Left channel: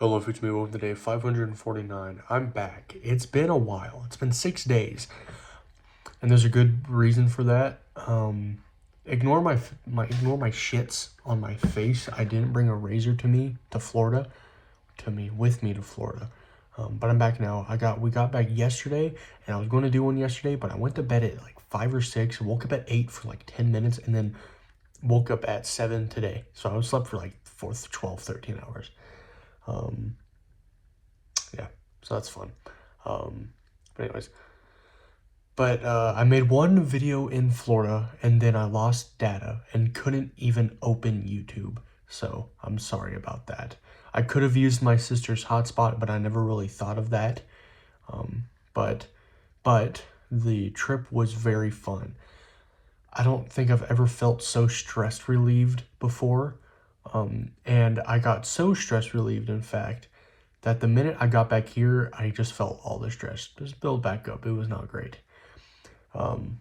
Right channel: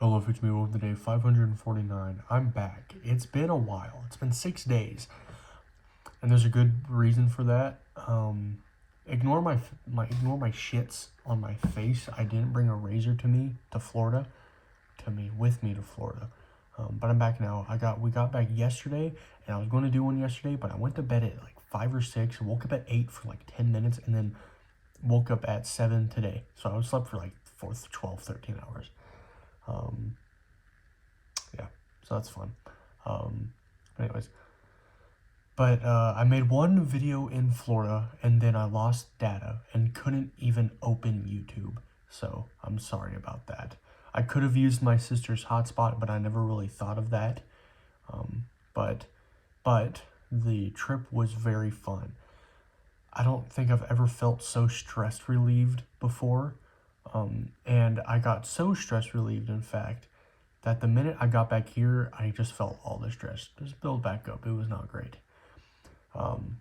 Hello, it's me, welcome to day 549. I'm back. It's been a while. It's been 6 days. And there's a good reason for that. Ignore my shits on my face. I didn't bring a razor with me to Florida. But I'm back now. We got back yesterday, and I was going to do one yesterday, but I went to bed at like 5 or 6, woke up at 8 for like 10 minutes, and then woke up at 7 today. So I slept for like 12, 13 hours. Yeah, so that's fun. But anyways, I made one video in Florida, and then I lost data and couldn't even open YouTube. So I'm sorry about that. I could have used my sister's hotspot, but I never really thought of that. But the trip was very fun. I don't think I've ever felt so stress relieved before. And I got so stress relieved, in fact, that the minute I got back here, I just felt all the stress just build back up. It was not great.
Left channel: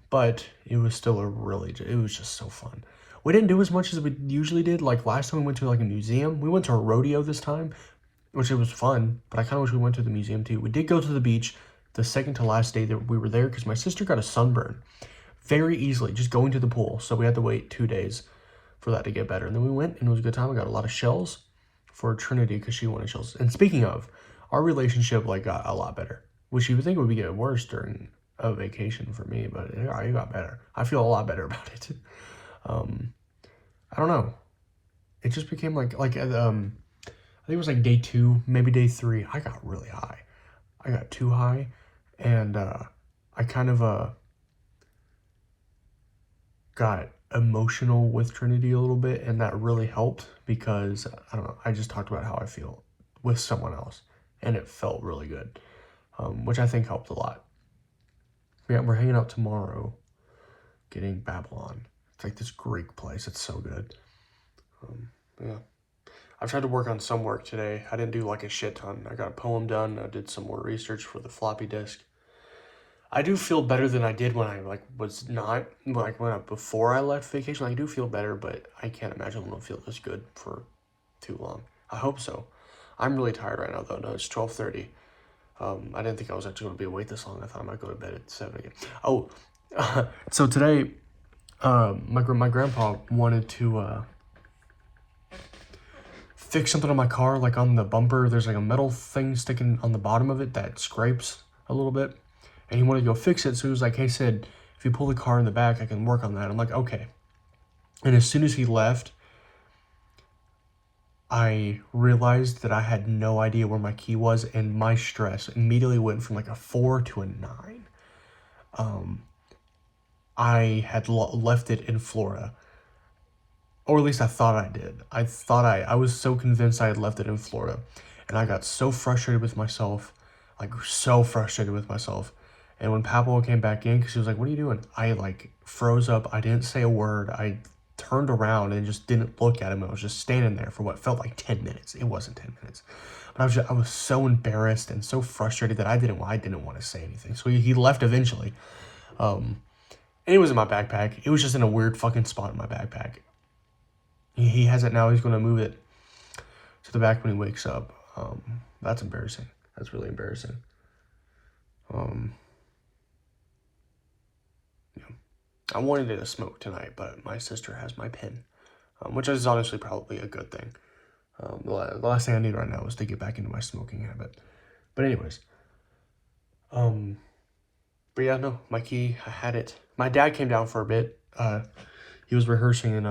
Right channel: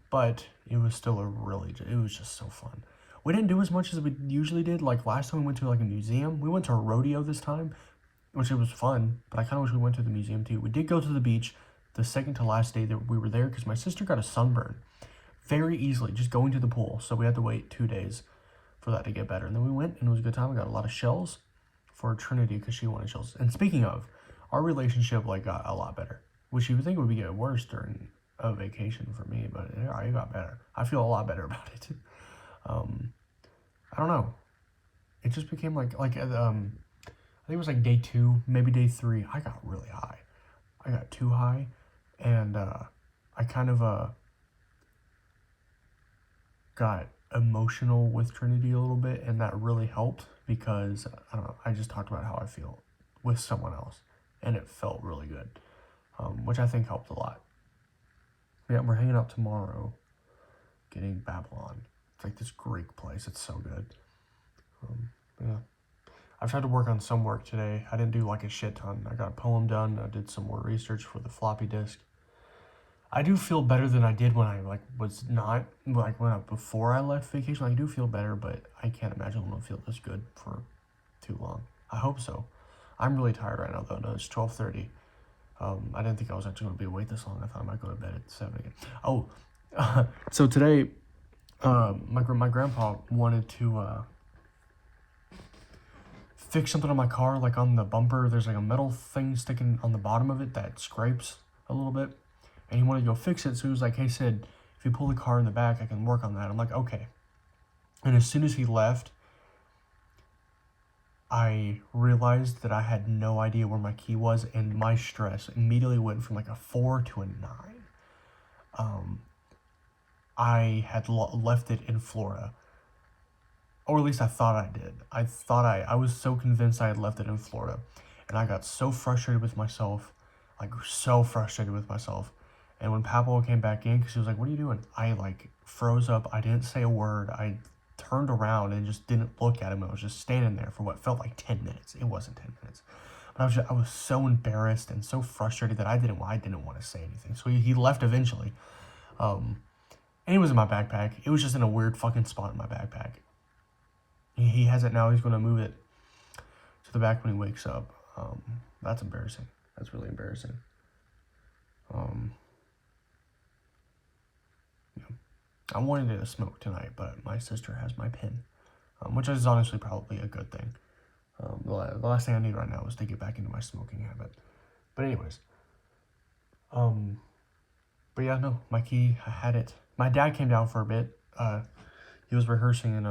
But it was still it was just so fun. We didn't do as much as we usually did. Like last time we went to like a museum. We went to a rodeo this time, which it was fun, but I kind of wish we went to the museum too. We did go to the beach the second to last day that we were there because my sister got a sunburn very easily just going to the pool. So we had to wait 2 days for that to get better. And then we went and it was a good time. I got a lot of shells for Trinity because she wanted shells. And speaking of, our relationship like got a lot better, which you would think would be getting worse during a vacation for me, but it got better. I feel a lot better about it. I don't know. It just became I think it was like day 2, maybe day 3. I got really high. I got too high, and I kind of got emotional with Trinity a little bit, and that really helped because I don't know, I just talked about how I feel with someone else, and it felt really good, which I think helped a lot. Yeah, we're hanging out tomorrow, getting Babylon. It's like this Greek place. It's so good. Yeah, I've tried to work on some work today. I didn't do like a shit ton. I got a poem done. I did some more research for the floppy disk. I do feel better than I did when I was not before I left vacation. I do feel better, but I can't imagine I'm gonna feel this good for too long. I hope so. I'm really tired right now though. No, it's 12:30. I didn't think I was actually gonna be awake this long. I thought I might go to bed at 7 again. Oh, so today, my grandpa wanted to fix something on my car, like on the bumper. There's like a metal thing sticking on the bottom of it that scrapes a little bit. And he wanted to go fix it, so he was like, hey, Sid, if you pull the car in the back, I can work on that. I'm like, okay. And as soon as he left, I realized that I had no idea where my key was, and my stress immediately went from like a 4 to a 9. I had left it in Florida. Or at least I thought I did. I was so convinced I had left it in Florida. And I got so frustrated with myself, And when Pablo came back in, because he was like, what are you doing? I froze up. I didn't say a word. I turned around and just didn't look at him. I was just standing there for what felt like 10 minutes. It wasn't 10 minutes. But I was so embarrassed and so frustrated that I didn't want to say anything. So he left eventually. And it was in my backpack. It was just in a weird fucking spot in my backpack. He has it now. He's going to move it to the back when he wakes up. That's embarrassing. That's really embarrassing. I wanted to smoke tonight, but my sister has my pen, which is honestly probably a good thing. The last thing I need right now is to get back into my smoking habit. But anyways, but yeah, no, my key, I had it. My dad came down for a bit. He was rehearsing in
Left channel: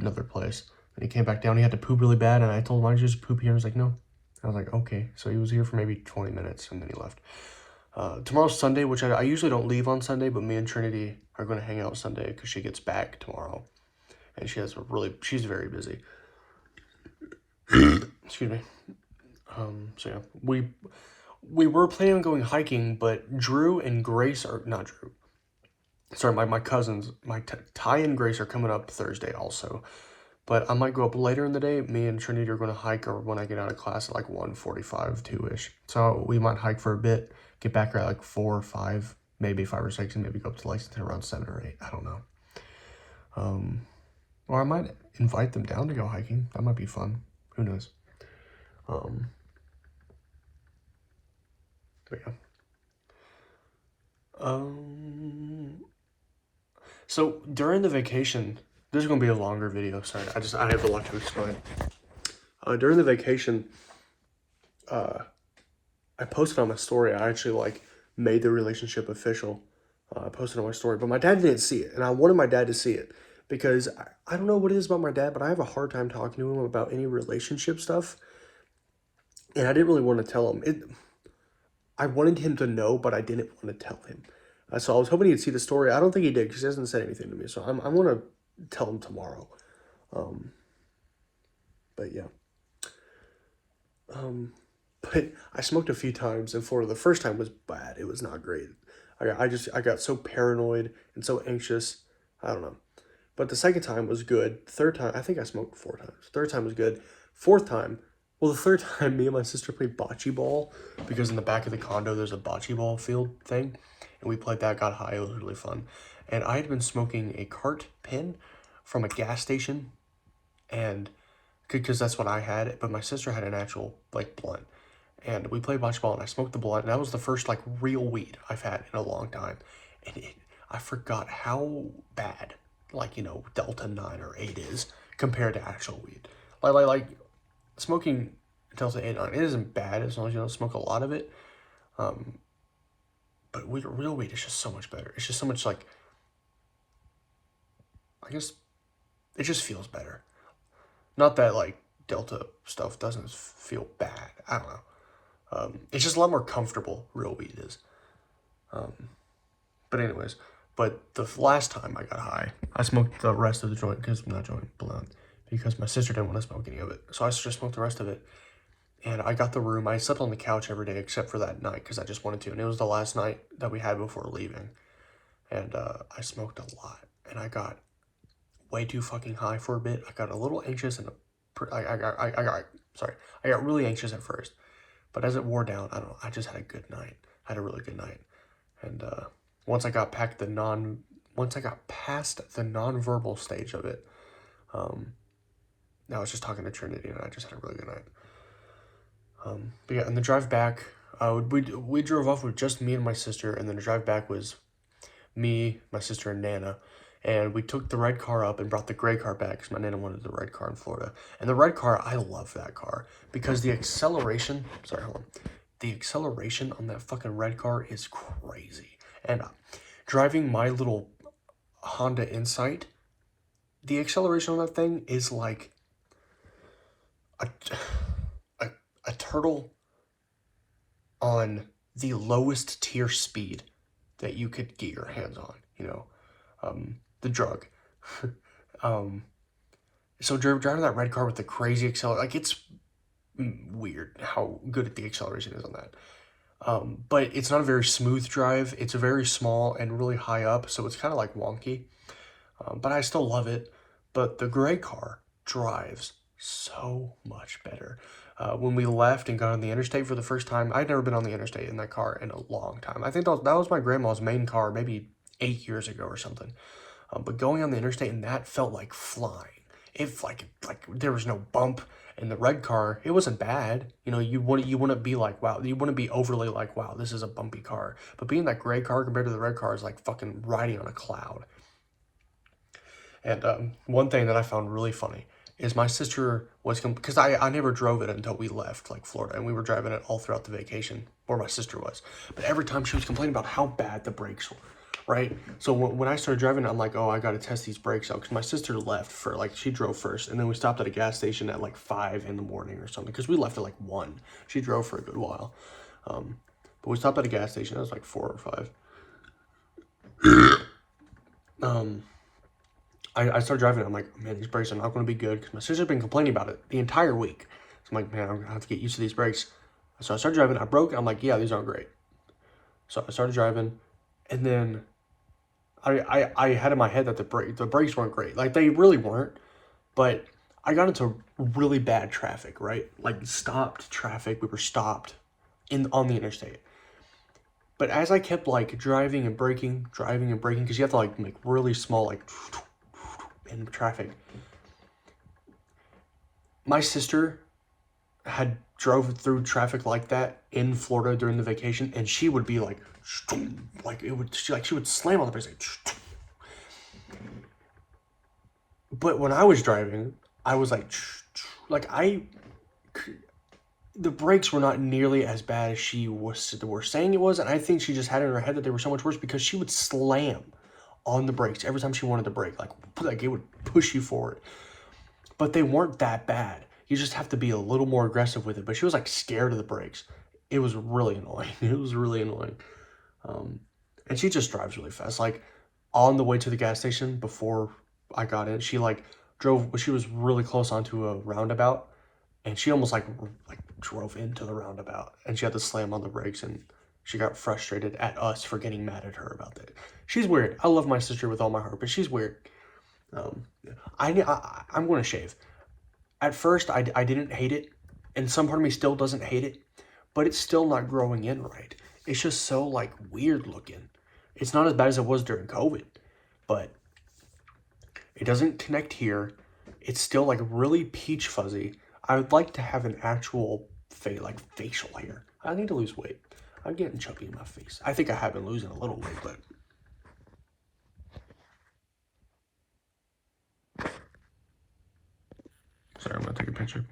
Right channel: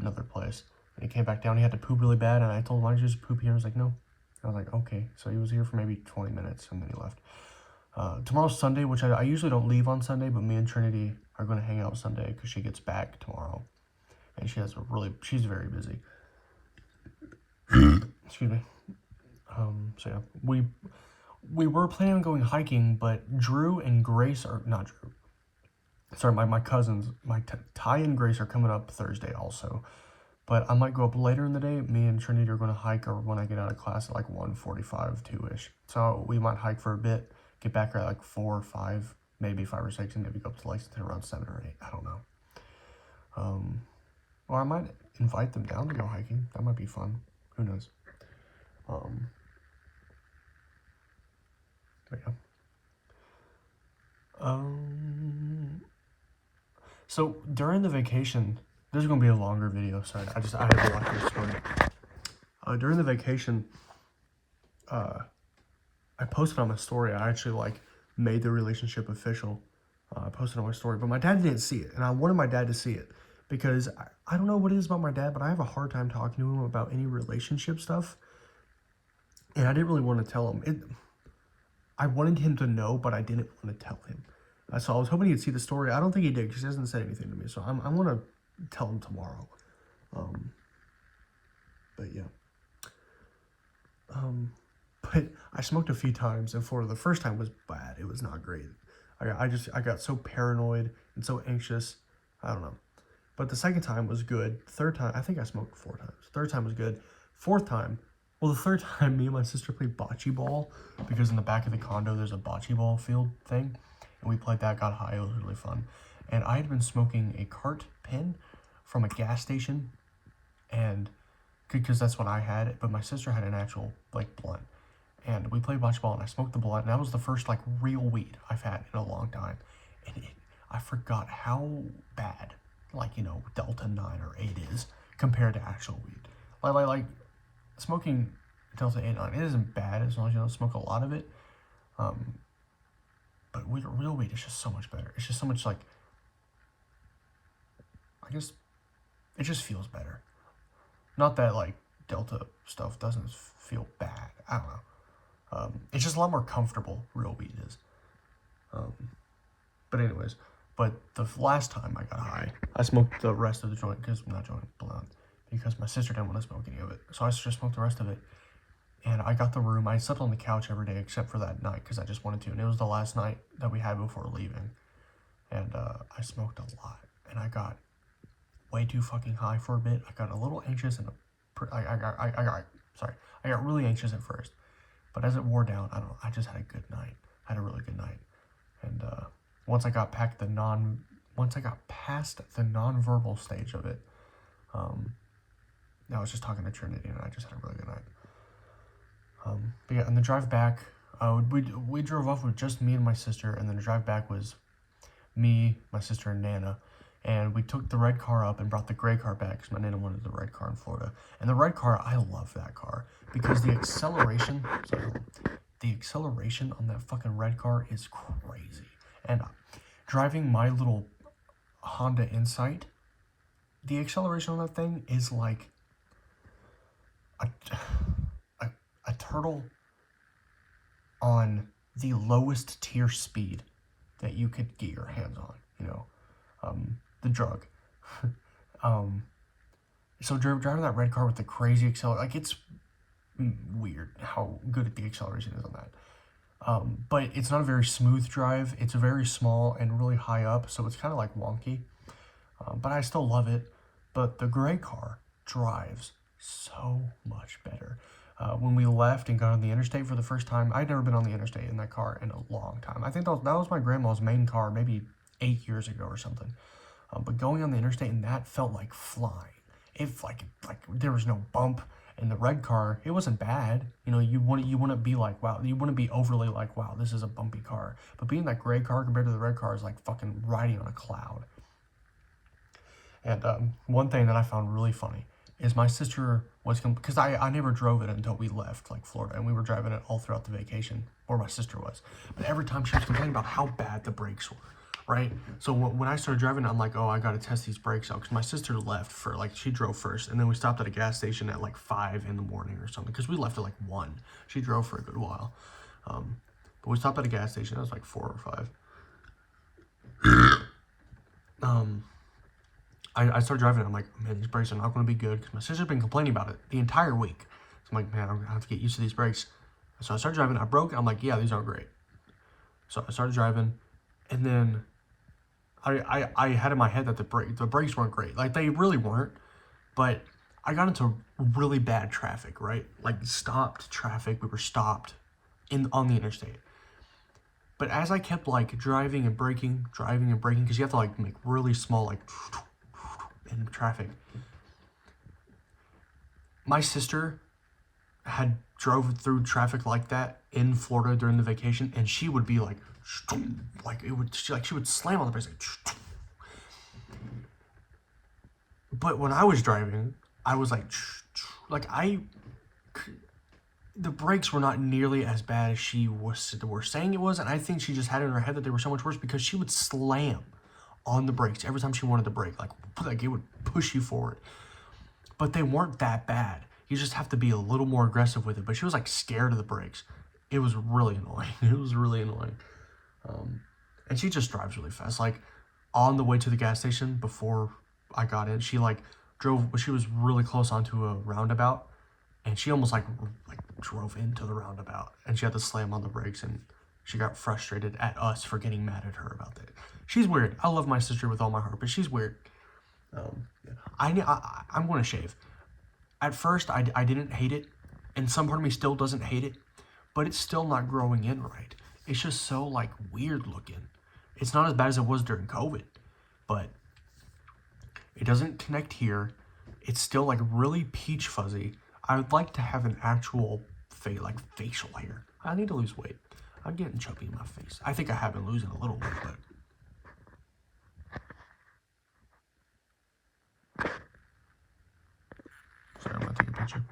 another place, and he came back down. He had to poop really bad, and I told him, why don't you just poop here? He was like, no. I was like, okay. So he was here for maybe 20 minutes, and then he left. Tomorrow's Sunday, which I usually don't leave on Sunday, but me and Trinity are going to hang out Sunday because she gets back tomorrow. And she's very busy. Excuse me. So yeah, we were planning on going hiking, but Drew and Grace are, not Drew. Sorry, my cousins, Ty and Grace are coming up Thursday also. But I might go up later in the day. Me and Trinity are going to hike or when I get out of class at like 1:45, 2-ish. So we might hike for a bit, get back at like 4 or 5, maybe 5 or 6, and maybe go up to Lexington around 7 or 8. I don't know. Or I might invite them down to go hiking. That might be fun. Who knows? But yeah. So during the vacation, this is gonna be a longer video. Sorry, I have a lot to explain. During the vacation, I posted on my story. I actually like made the relationship official. I posted on my story, but my dad didn't see it, and I wanted my dad to see it because I don't know what it is about my dad, but I have a hard time talking to him about any relationship stuff, and I didn't really want to tell him it. I wanted him to know, but I didn't want to tell him. So I was hoping he'd see the story. I don't think he did because he hasn't said anything to me. So I'm going to tell him tomorrow. But yeah. But I smoked a few times in Florida. The first time was bad. It was not great. I got so paranoid and so anxious. I don't know. But the second time was good. Third time, I think I smoked 4 times. Third time was good. Fourth time, well, the third time, me and my sister played bocce ball because in the back of the condo, there's a bocce ball field thing. And we played that, got high. It was really fun. And I had been smoking a cart pen from a gas station. And because that's what I had. But my sister had an actual, like, blunt. And we played bocce ball, and I smoked the blunt. And that was the first, like, real weed I've had in a long time. And I forgot how bad, like, you know, Delta 9 or 8 is compared to actual weed. Like smoking Delta 8 9, it isn't bad as long as you don't smoke a lot of it. But real weed is just so much better. It's just so much, like, I guess it just feels better. Not that, like, Delta stuff doesn't feel bad. I don't know. It's just a lot more comfortable, real weed is. But anyways, the last time I got high, I smoked the rest of the joint, because my sister didn't want to smoke any of it. So I just smoked the rest of it. And I got the room. I slept on the couch every day except for that night because I just wanted to. And it was the last night that we had before leaving. And I smoked a lot. And I got way too fucking high for a bit. I got a little anxious and I got really anxious at first. But as it wore down, I don't know, I just had a good night. I had a really good night. And once I got past the non-verbal stage of it, I was just talking to Trinity and I just had a really good night. But yeah, and the drive back, we drove off with just me and my sister, and then the drive back was me, my sister, and Nana. And we took the red car up and brought the gray car back because my Nana wanted the red car in Florida. And the red car, I love that car because the acceleration, the acceleration on that fucking red car is crazy. And driving my little Honda Insight, the acceleration on that thing is like a turtle on the lowest tier speed that you could get your hands on, you know, the drug. So driving that red car with the crazy acceleration, like, it's weird how good the acceleration is on that. But it's not a very smooth drive. It's very small and really high up, so it's kind of like wonky. But I still love it. But the gray car drives so much better. When we left and got on the interstate for the first time, I'd never been on the interstate in that car in a long time. I think that was my grandma's main car, maybe 8 years ago or something. But going on the interstate, and that felt like flying. It like there was no bump. In the red car, it wasn't bad. You know, you wouldn't be like, wow, you wouldn't be overly like, wow, this is a bumpy car. But being that gray car compared to the red car is like fucking riding on a cloud. And one thing that I found really funny is my sister was, because I never drove it until we left, like, Florida, and we were driving it all throughout the vacation, or my sister was. But every time she was complaining about how bad the brakes were, right? So when I started driving, I'm like, oh, I got to test these brakes out, because my sister left for, like, she drove first, and then we stopped at a gas station at, like, 5 in the morning or something, because we left at, like, 1. She drove for a good while. But we stopped at a gas station, it was, like, 4 or 5. I started driving it. I'm like, man, these brakes are not going to be good because my sister's been complaining about it the entire week. So I'm like, man, I'm going to have to get used to these brakes. So I started driving. I broke. I'm like, yeah, these aren't great. So I started driving, and then I had in my head that the brakes weren't great. Like, they really weren't. But I got into really bad traffic, right? Like, stopped traffic. We were stopped on the interstate. But as I kept, like, driving and braking, because you have to, like, make really small, like, in traffic, my sister had drove through traffic like that in Florida during the vacation, and she would be like she would slam on the brakes. But when I was driving, I was like the brakes were not nearly as bad as she were saying it was, and I think she just had it in her head that they were so much worse because she would slam on the brakes every time she wanted to brake, like it would push you forward. But they weren't that bad. You just have to be a little more aggressive with it. But she was like scared of the brakes. It was really annoying. It was really annoying. And she just drives really fast. Like on the way to the gas station before I got in, she like drove. She was really close onto a roundabout, and she almost like drove into the roundabout, and she had to slam on the brakes, and she got frustrated at us for getting mad at her about that. She's weird. I love my sister with all my heart, but she's weird. I'm going to shave. At first, I didn't hate it, and some part of me still doesn't hate it, but it's still not growing in right. It's just so, like, weird looking. It's not as bad as it was during COVID, but it doesn't connect here. It's still, like, really peach fuzzy. I would like to have an actual, facial hair. I need to lose weight. I'm getting chubby in my face. I think I have been losing a little weight, but... Sorry, I'm gonna take a picture.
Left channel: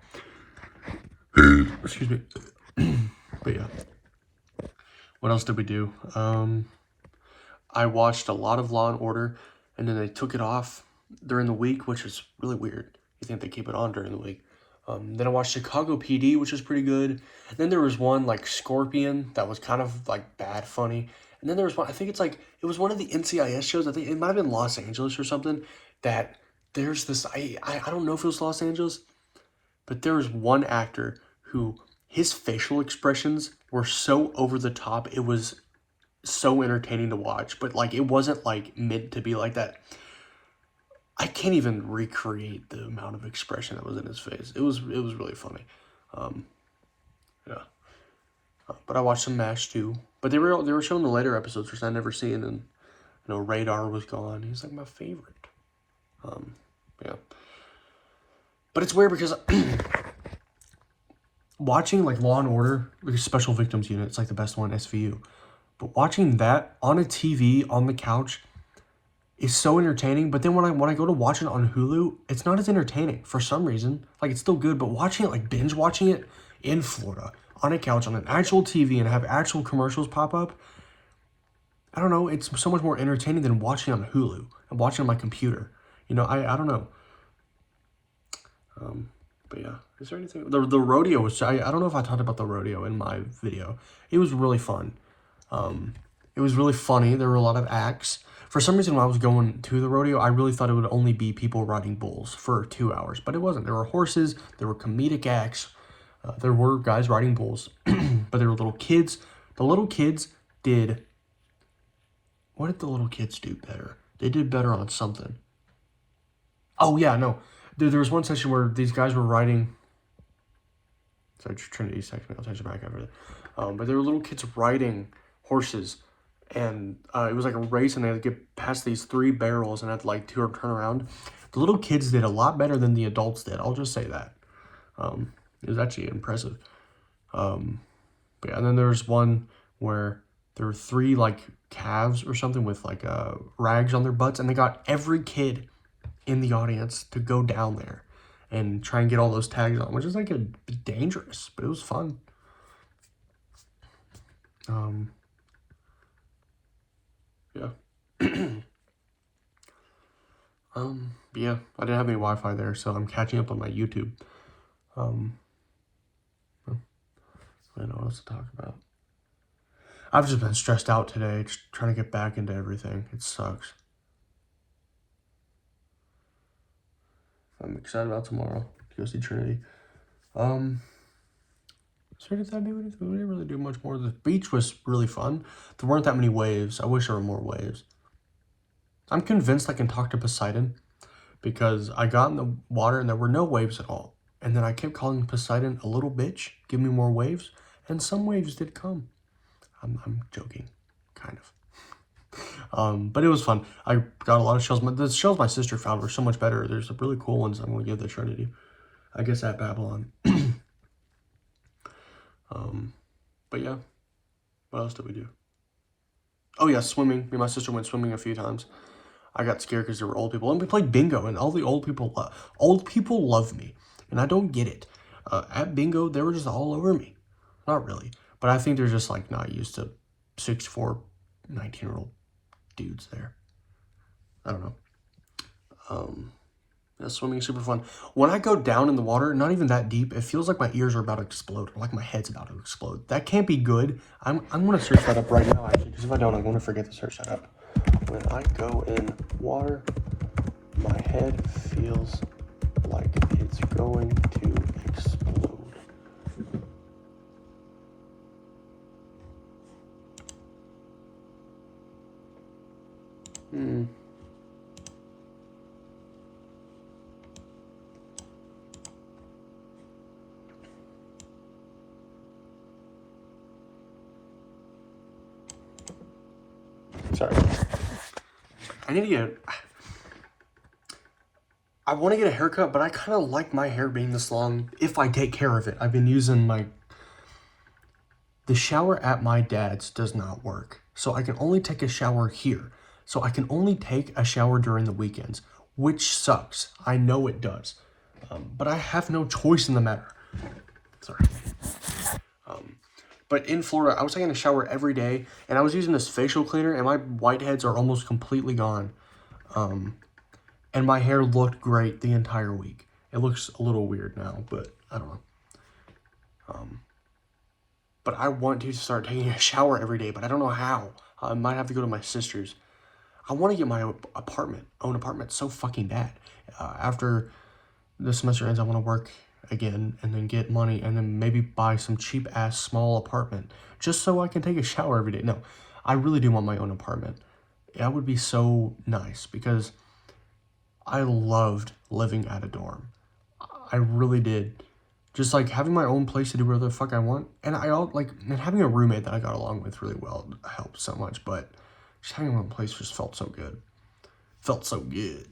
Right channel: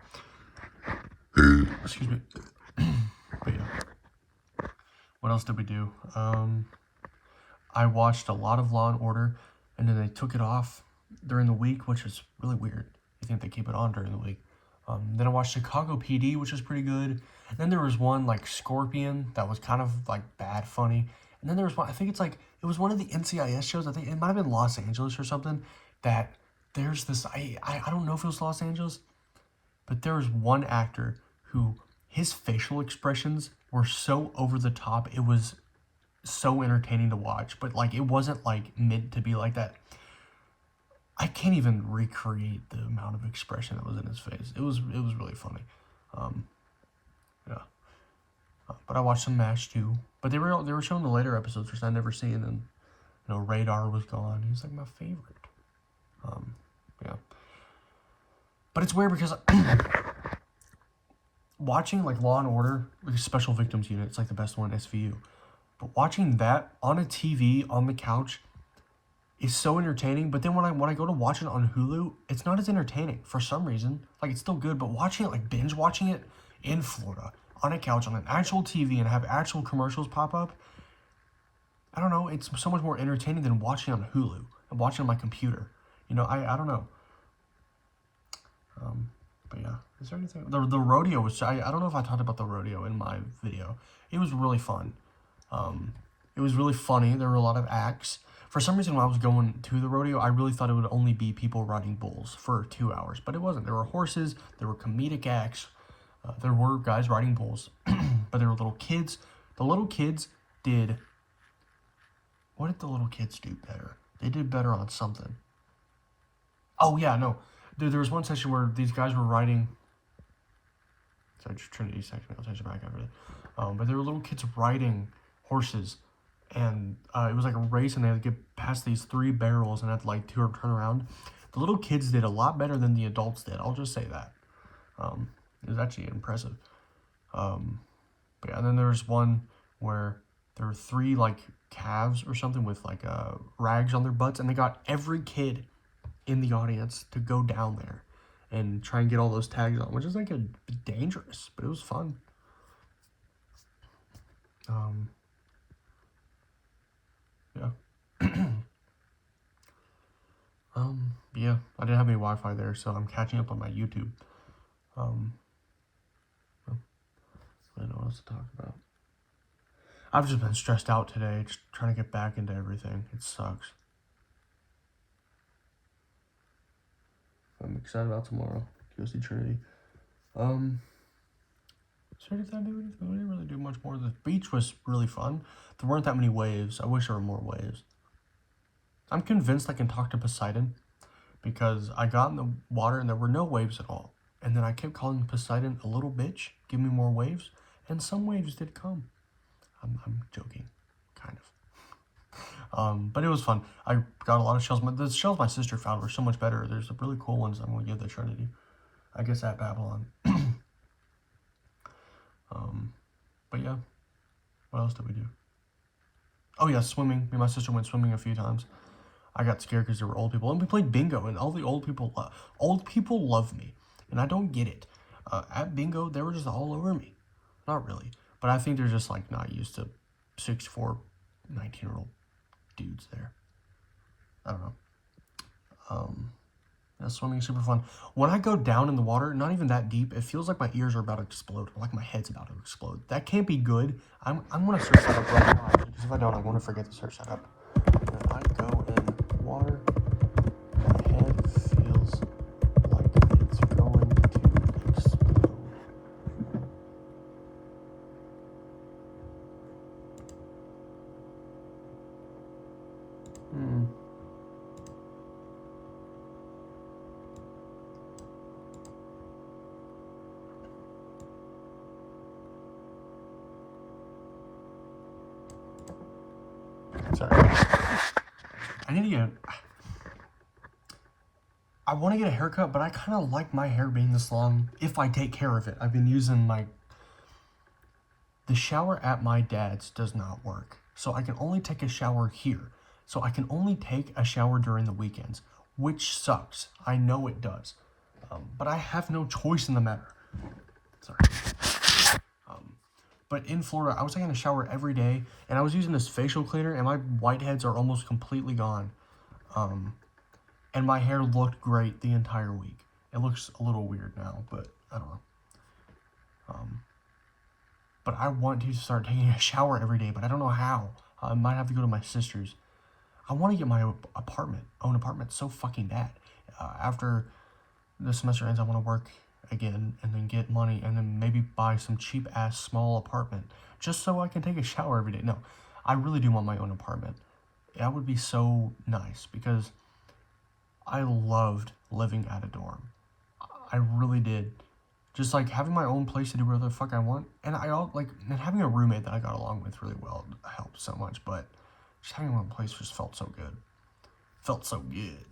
Excuse me. But yeah. What else did we do? I watched a lot of Law and Order, and then they took it off during the week, which is really weird. You think they keep it on during the week. Then I watched Chicago PD, which was pretty good. And then there was one like Scorpion that was kind of like bad funny. And then there was one, I think it's like, it was one of the NCIS shows. I think it might have been Los Angeles or something, that there's this, I don't know if it was Los Angeles, but there was one actor who, his facial expressions were so over the top. It was so entertaining to watch, but like, it wasn't like meant to be like that. I can't even recreate the amount of expression that was in his face. It was really funny. Yeah. But I watched some MASH too. But they were showing the later episodes, which I never seen, and Radar was gone. He's like my favorite. Yeah. But it's weird because watching like Law and Order, like a Special Victims Unit, it's like the best one, SVU. But watching that on a TV on the couch is so entertaining. But then when I go to watch it on Hulu, it's not as entertaining for some reason. Like, it's still good, but watching it, like binge watching it in Florida on a couch on an actual TV and have actual commercials pop up, I don't know, it's so much more entertaining than watching on Hulu and watching on my computer. I don't know. But yeah, is there anything? The rodeo was, I don't know if I talked about the rodeo in my video. It was really fun. It was really funny. There were a lot of acts. For some reason, when I was going to the rodeo, I really thought it would only be people riding bulls for 2 hours, but it wasn't. There were horses, there were comedic acts, there were guys riding bulls, but there were little kids. The little kids did, what did the little kids do better? They did better on something. Oh yeah, no. There was one session where these guys were riding, sorry, Trinity text me, I'll text you back after that. But there were little kids riding horses, and it was like a race, and they had to get past these 3 barrels and had to like turn around. The little kids did a lot better than the adults did. I'll just say that. It was actually impressive. But yeah, and then there was one where there were 3 like calves or something with like rags on their butts, and they got every kid in the audience to go down there and try and get all those tags on, which is like dangerous, but it was fun. Yeah. Yeah, I didn't have any Wi-Fi there, so I'm catching up on my YouTube. I don't know what else to talk about. I've just been stressed out today, just trying to get back into everything. It sucks. I'm excited about tomorrow to go see Trinity. So did that do anything? We didn't really do much more. The beach was really fun. There weren't that many waves. I wish there were more waves. I'm convinced I can talk to Poseidon because I got in the water and there were no waves at all. And then I kept calling Poseidon a little bitch, give me more waves, and some waves did come. I'm joking, kind of. But it was fun. I got a lot of shells. The shells my sister found were so much better. There's really cool ones I'm going to give the Trinity. I guess at Babylon. But yeah, what else did we do? Oh yeah, swimming. Me and my sister went swimming a few times. I got scared because there were old people, and we played bingo, and all the old people love me, and I don't get it. At bingo, they were just all over me. Not really, but I think they're just like not used to 64, 19-year-old dudes there. I don't know. Yeah, swimming is super fun. When I go down in the water, not even that deep, it feels like my ears are about to explode, or like my head's about to explode. That can't be good. I'm gonna search that up right now, actually, because if I don't, I'm gonna forget to search that up. When I go in water, my head feels like it's going to explode. Sorry. I need to get... I want to get a haircut, but I kind of like my hair being this long if I take care of it. I've been using my... The shower at my dad's does not work. So I can only take a shower here. So I can only take a shower during the weekends, which sucks. I know it does. But I have no choice in the matter. Sorry. But in Florida, I was taking a shower every day, and I was using this facial cleaner, and my whiteheads are almost completely gone. And my hair looked great the entire week. It looks a little weird now, but I don't know. But I want to start taking a shower every day, but I don't know how. I might have to go to my sister's. I want to get my own apartment so fucking bad. After the semester ends, I want to work again and then get money and then maybe buy some cheap ass small apartment just so I can take a shower every day. No, I really do want my own apartment. That would be so nice because I loved living at a dorm. I really did. Just like having my own place to do whatever the fuck I want. And and having a roommate that I got along with really well helped so much, but just having my own place just felt so good. Felt so good.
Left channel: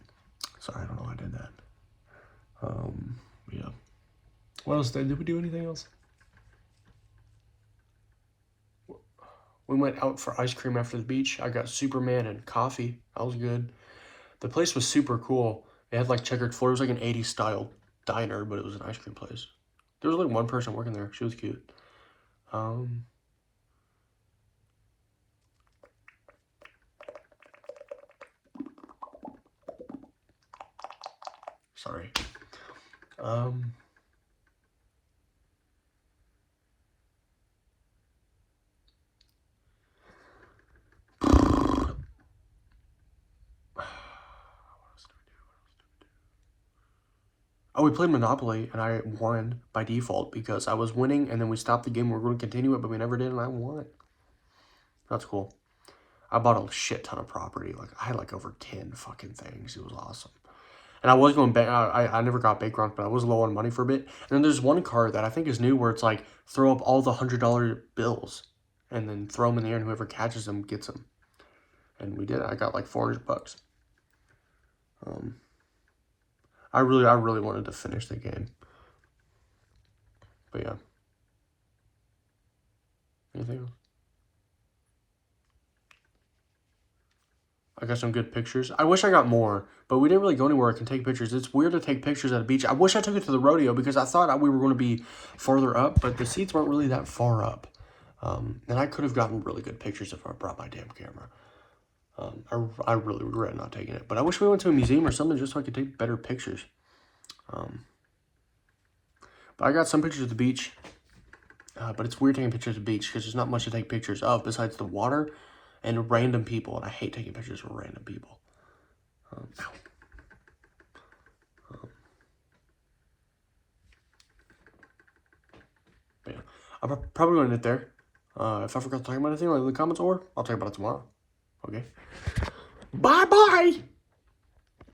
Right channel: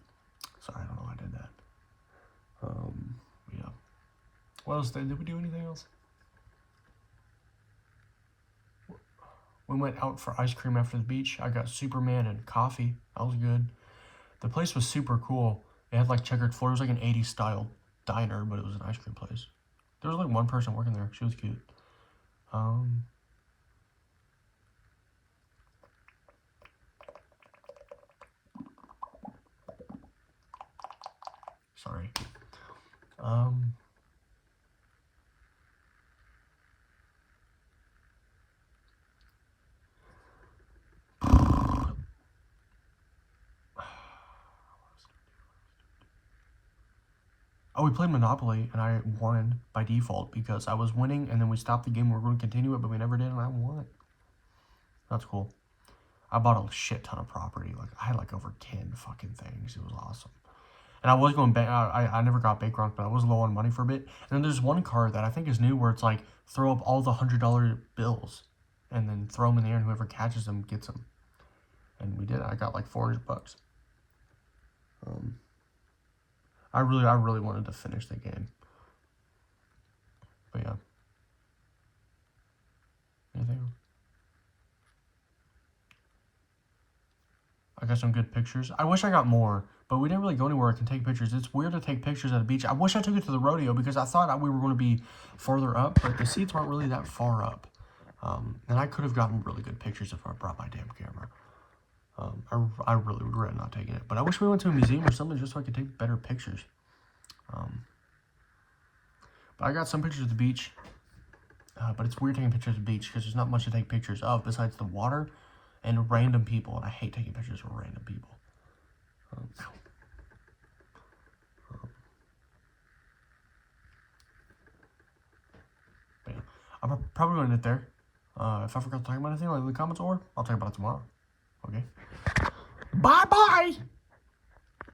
Sorry, I don't know why I did that. Yeah. What else did we do anything else? We went out for ice cream after the beach. I got Superman and coffee. That was good. The place was super cool. It had like checkered floors. It was like an 80s style diner, but it was an ice cream place. There was like one person working there. She was cute. Sorry. Oh, we played Monopoly, and I won by default because I was winning, and then we stopped the game. We were going to continue it, but we never did, and I won. That's cool. I bought a shit ton of property. Like, I had like over 10 fucking things. It was awesome. And I was going back. I never got bankrupt, but I was low on money for a bit. And then there's one card that I think is new where it's like, throw up all the $100 bills and then throw them in the air, and whoever catches them gets them. And we did. I got like $400. I really wanted to finish the game. But yeah. Anything else? I got some good pictures. I wish I got more, but we didn't really go anywhere I can take pictures. It's weird to take pictures at a beach. I wish I took it to the rodeo because I thought we were going to be farther up, but the seats weren't really that far up. And I could have gotten really good pictures if I brought my damn camera. I really regret not taking it. But I wish we went to a museum or something just so I could take better pictures. But I got some pictures of the beach. But it's weird taking pictures of the beach because there's not much to take pictures of besides the water and random people. And I hate taking pictures of random people. But yeah, I'm probably going to end it there. If I forgot to talk about anything, leave in the comments, or I'll talk about it tomorrow. Okay? Bye-bye!